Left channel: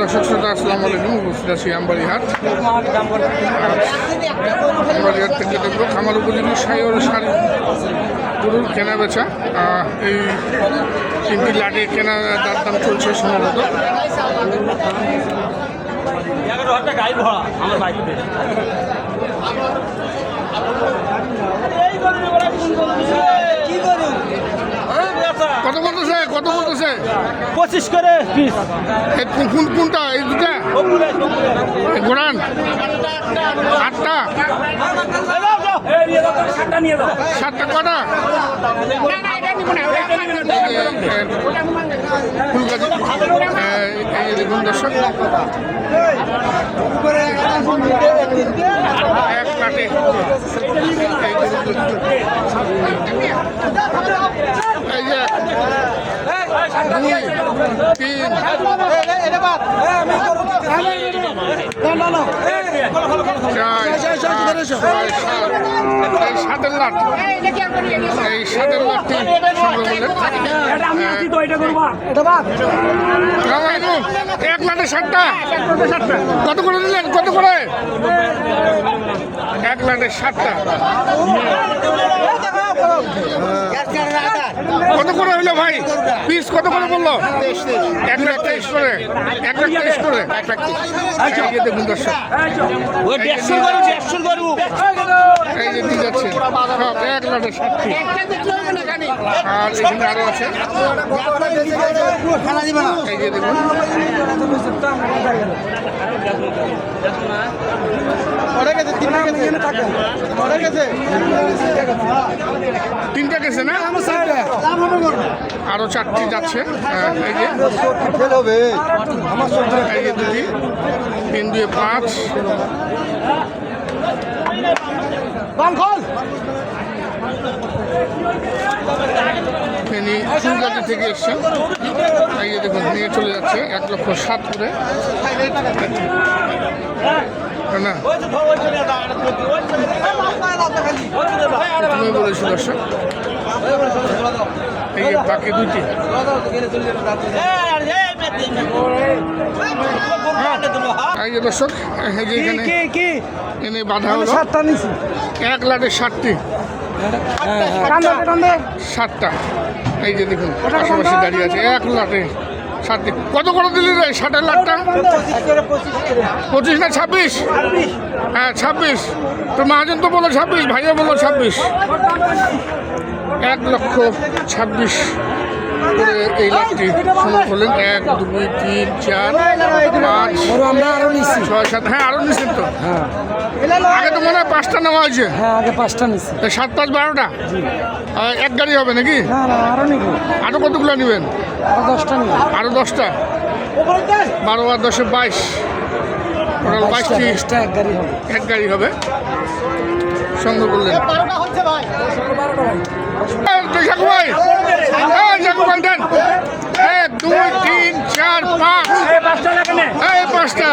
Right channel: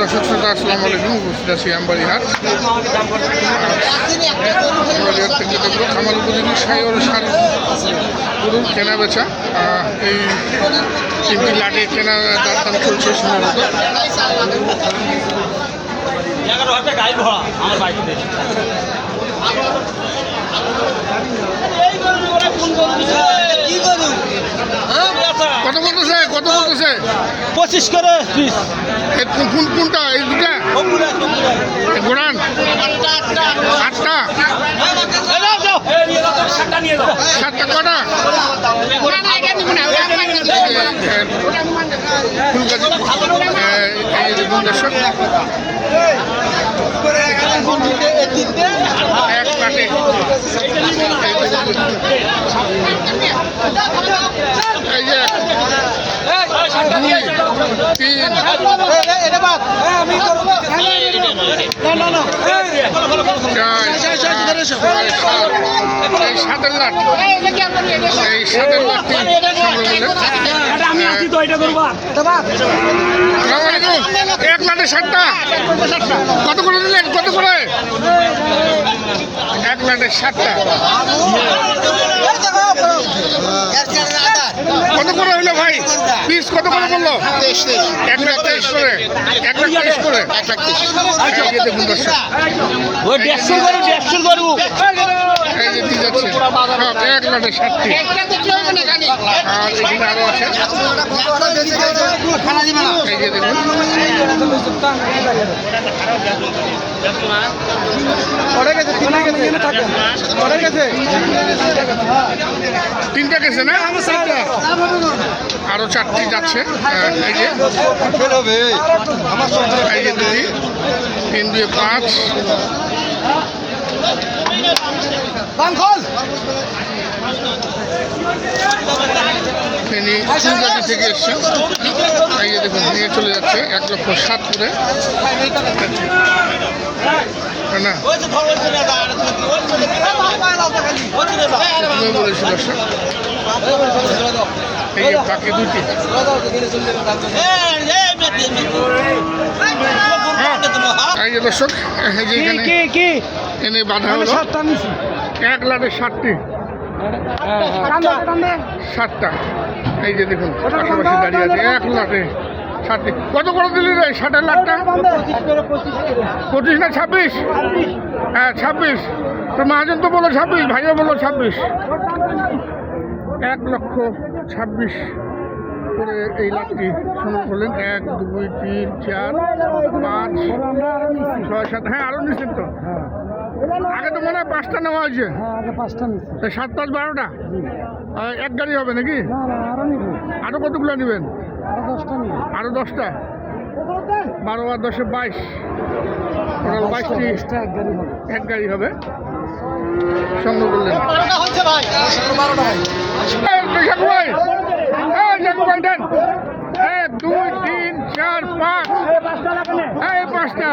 দর্শক শ্রোতা আসসালামু আলাইকুম। উপস্থিত আছি আমবাড়ি হাট। আমবাড়ি হাট থেকে দেখবো খামার উপযোগী সাইওর সারি গরুর কেনা বেচা। এই তিনটি লাটে কেনা তার দাম চলছে সম্ভবত। কত বলতেছে 25 করে পিস। কোনটা এই দুটা গোড়ান 8টা 7টা কটা ফুলগাছি এই দেখুন দর্শক এক কাটে এই যে 2 3 এই সাতের লাট লাটটি সংগ্রহ করলেন। এক লাটে 7টা কত করে দিলেন? কত করে? এক লাটে 7টা কত করে হইলো ভাই? পিস কত করে বললো? 1,23,000 করে। 1,23,000 করে। দেখুন দর্শক এই যে দিয়ে যাচ্ছে সব 1 লাটে 7টি। আর এখানে আরো আছে এই যে দেখুন তিনটা গেছে না, আরো 4টি যাচ্ছে। এই যে 2 3 2 5 ফেনী ফুলগাছি থেকে এসছেন। এই যে দেখুন নিয়ে চলে যাচ্ছে 1,07,000 করে না বলেছি দর্শক। এই যে বাকি 2টি এই যে দর্শক এই যে এখানে এনে বাঁধা হলো 1 লাটে 7টি 7টা। এই যে দেখুন পাশাপাশি দাঁড়িয়ে আছে 1 লাটে 7টি। কত করে দিলি রে 7 লাটটা? 25 না 26? হ্যাঁ 26। তো মহাজন তো বলো 26, ভাইও বলো 26। 1,26,000 করে এই লাটটি সংগ্রহ করলেন। 1 2 3 4 5 6 7। হ্যাঁ আরো নিচ্ছেন তো? আগে তো মনে হয় 5টা নেওয়া হয়েছে। হ্যাঁ আগে 5টা নিচ্ছি। 7 5 12টা এক গাড়ি হবে নাকি? আরো নিব। আরো কতগুলো নেবেন? আরো 10টা নিব। আরো 10টা 12 আর 10 22 টোটাল 22টি এক গাড়ি হবে সংগ্রহ করলেন। দেন 1 2 3 4 5 এই 5টা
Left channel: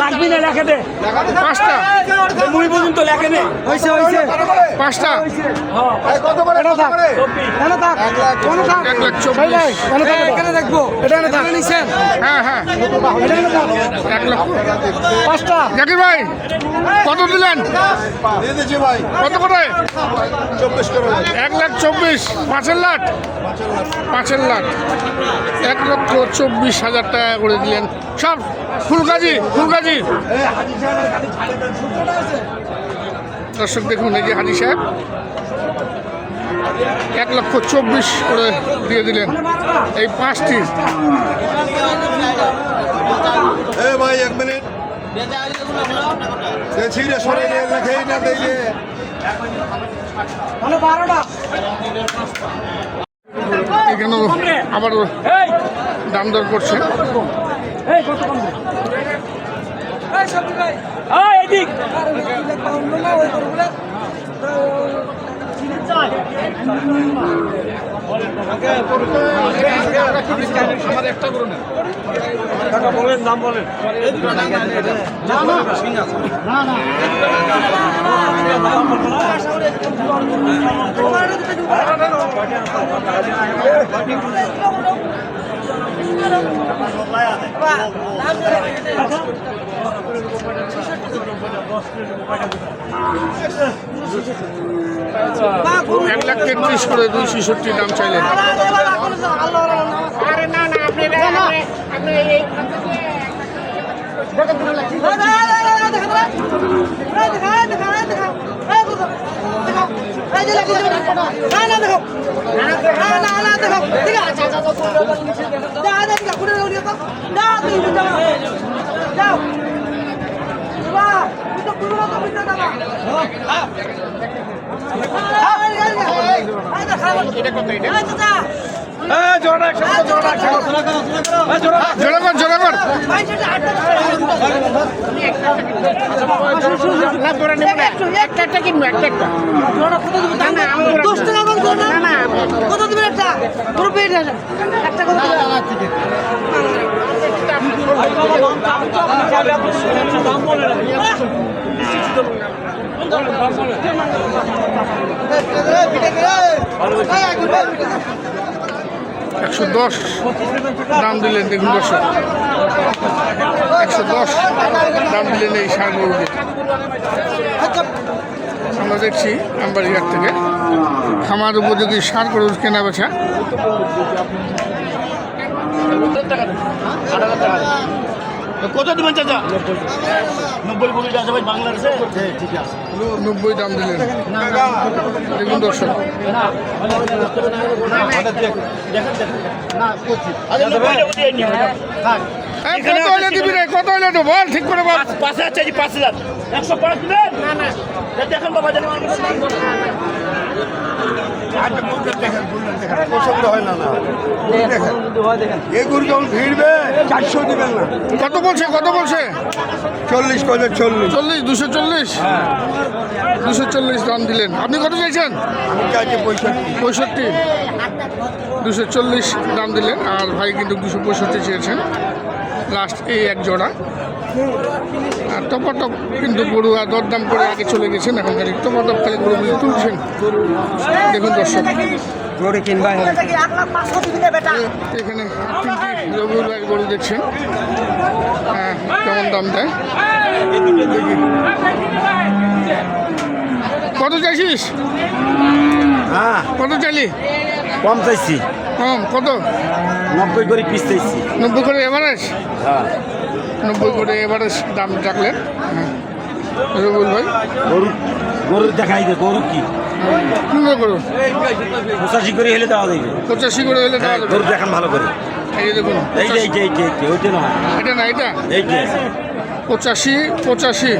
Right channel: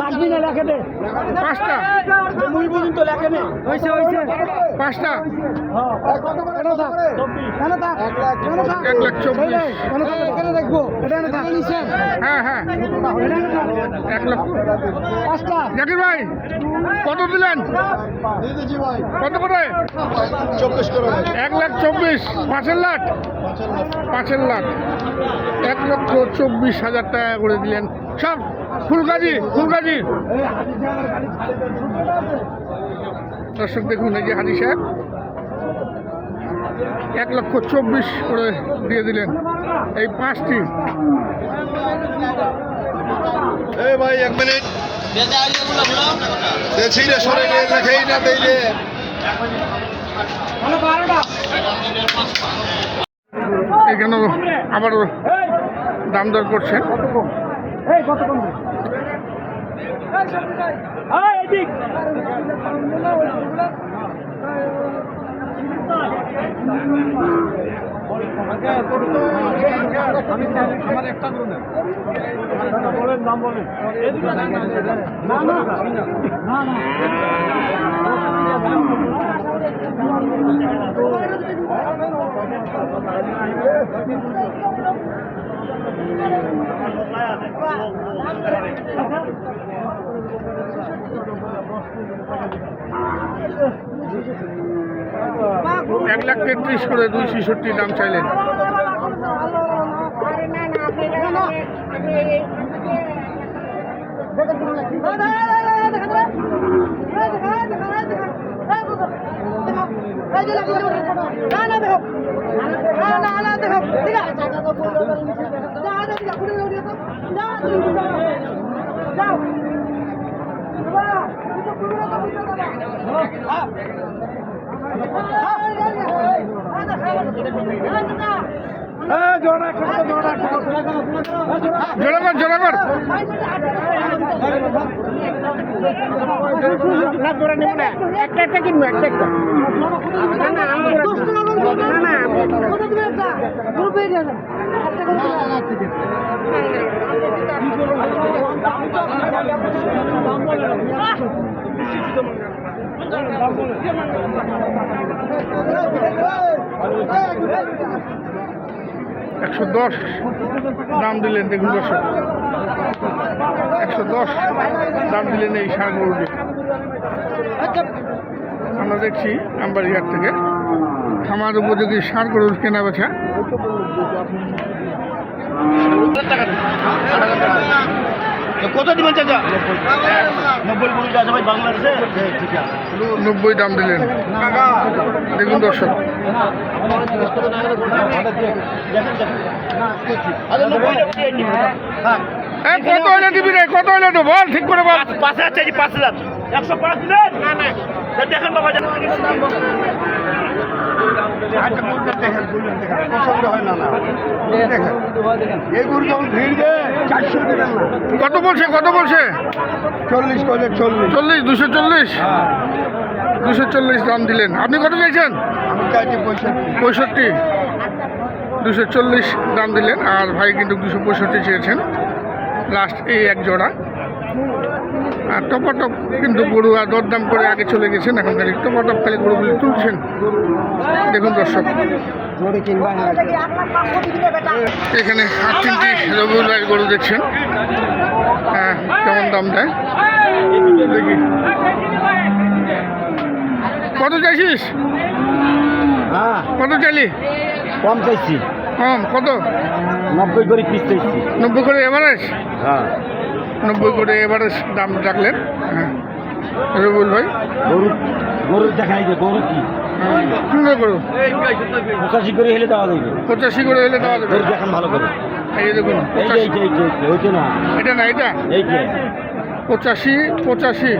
লাগবি না লেখে দে 5টা মুই পর্যন্ত লেখে দে। হইছে 5টা কত করে? এটা থাক এটা থাক 1,24,000 এখানে দেখবো। এটা না থাক নিছেন। হ্যাঁ 1 লক্ষ 5টা। জাকির ভাই কত দিলেন? কত করে? 1,24,000 5 লাট 1,24,000 টাকা করে দিলেন সব ফুলগাছি। দর্শক দেখুন এই যে হাজি সাহেব 1,24,000 করে দিয়ে দিলেন এই 5টি। ভাই 1 মিনিট ছিঁড়ে সরে লেখেই না দিলে এখানেও আবারও দাম দর করছে। বলেন দাম বলেন। এক লাখ 33 করে 266 দাম চাইলেন। জোড়া জোড়া জোড়া কর একটা কিনবো একটা দশ টাকা কত দিবেন একটা পুরো পেয়ে একটা কত $110 দাম দিলেন। দেখুন দর্শক, 110 দাম দিলেন এই ষাঁড় গরুটি। আমরা দেখছি আমবাড়িঘাট থেকে খামার উপযোগী ষাঁড় গরুর কেনা বেচা। কত দিবেন চাচা? 90 কোটি টাকা ভাই বাংলাদেশে ঠিক আছে 90 দাম দিলেন। দেখুন দর্শক, কত হলে দিবি রে? কত হলে তো বল, ঠিক করে বল। 5,000 চাইছি, 5,000 105 দিবেন। দেখেন বাবা, কত বলছে? কত বলছে? 40 করে 40 40, 240 240 দাম দিলেন। আপনি কত চাইছেন? 65, 240 দাম দিলেন। আর ভাই কিন্তু 265 চেয়েছেন লাস্ট এই এক জোড়া। আর টপাটপ কিন্তু গরু আর দরদাম করে আগে চলে গেছেন, এখন খালি টপাটপ খালি গরুগুলি তুলছেন। দেখুন দর্শক, এখানে 3টি রবিউল ভাইয়ের গরু দেখছেন। কেমন দাম দেয় দেখি। কত চাইছিস? হ্যাঁ কত চাইলি? কম চাইছি, কম কত? 90 করে পিস চাইছি। 90 করে এভারেজ? হ্যাঁ 90 করে এভারেজ দাম রাখলেন। হ্যাঁ রবিউল ভাই। গরুর দেখাই দে, গরু কি সুন্দর গরু। 85 করে হেলে দেওয়া যাবে। 85 করে হলে দেওয়া যাবে। গরু দেখান ভালো করে। এই যে দেখুন, এই যে ওইটা না, এটা না, এটা এই যে 85 85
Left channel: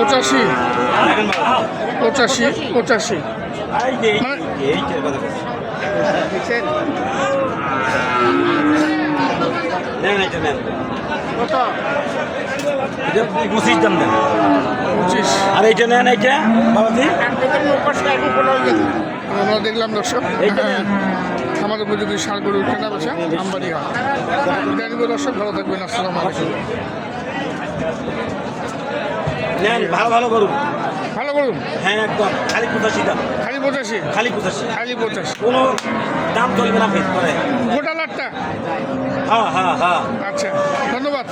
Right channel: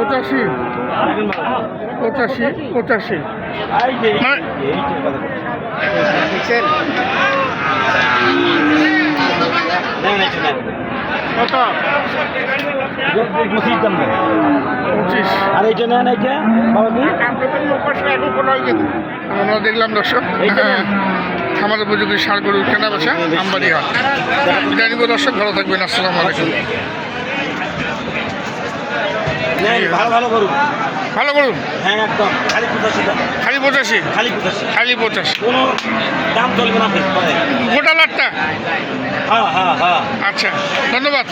85 দেখেন ভালো। 85 85। এই যে মানে- এইটার কথা বলছি। নেন এটা নেন। কত? এটা 25 দাম দেন। 25। আর এইটা নেন, এইটা বাবাজি আমরা দেখলাম দর্শক, খামার উপযোগী ষাঁড় গরুর কেনা বেচা আমবাড়িহাট। বিদায় নিব দর্শক, ভালো থাকবেন। আসসালামু আলাইকুম। নেন, ভালো ভালো গরু। ভালো গরু হ্যাঁ একদম খালি 85 দাম, খালি 85? খালি 85, খালি 85। কোনো দাম চলবে না আপনার পরে। গোটা লাটটা? হ্যাঁ হ্যাঁ হ্যাঁ। আচ্ছা, ধন্যবাদ।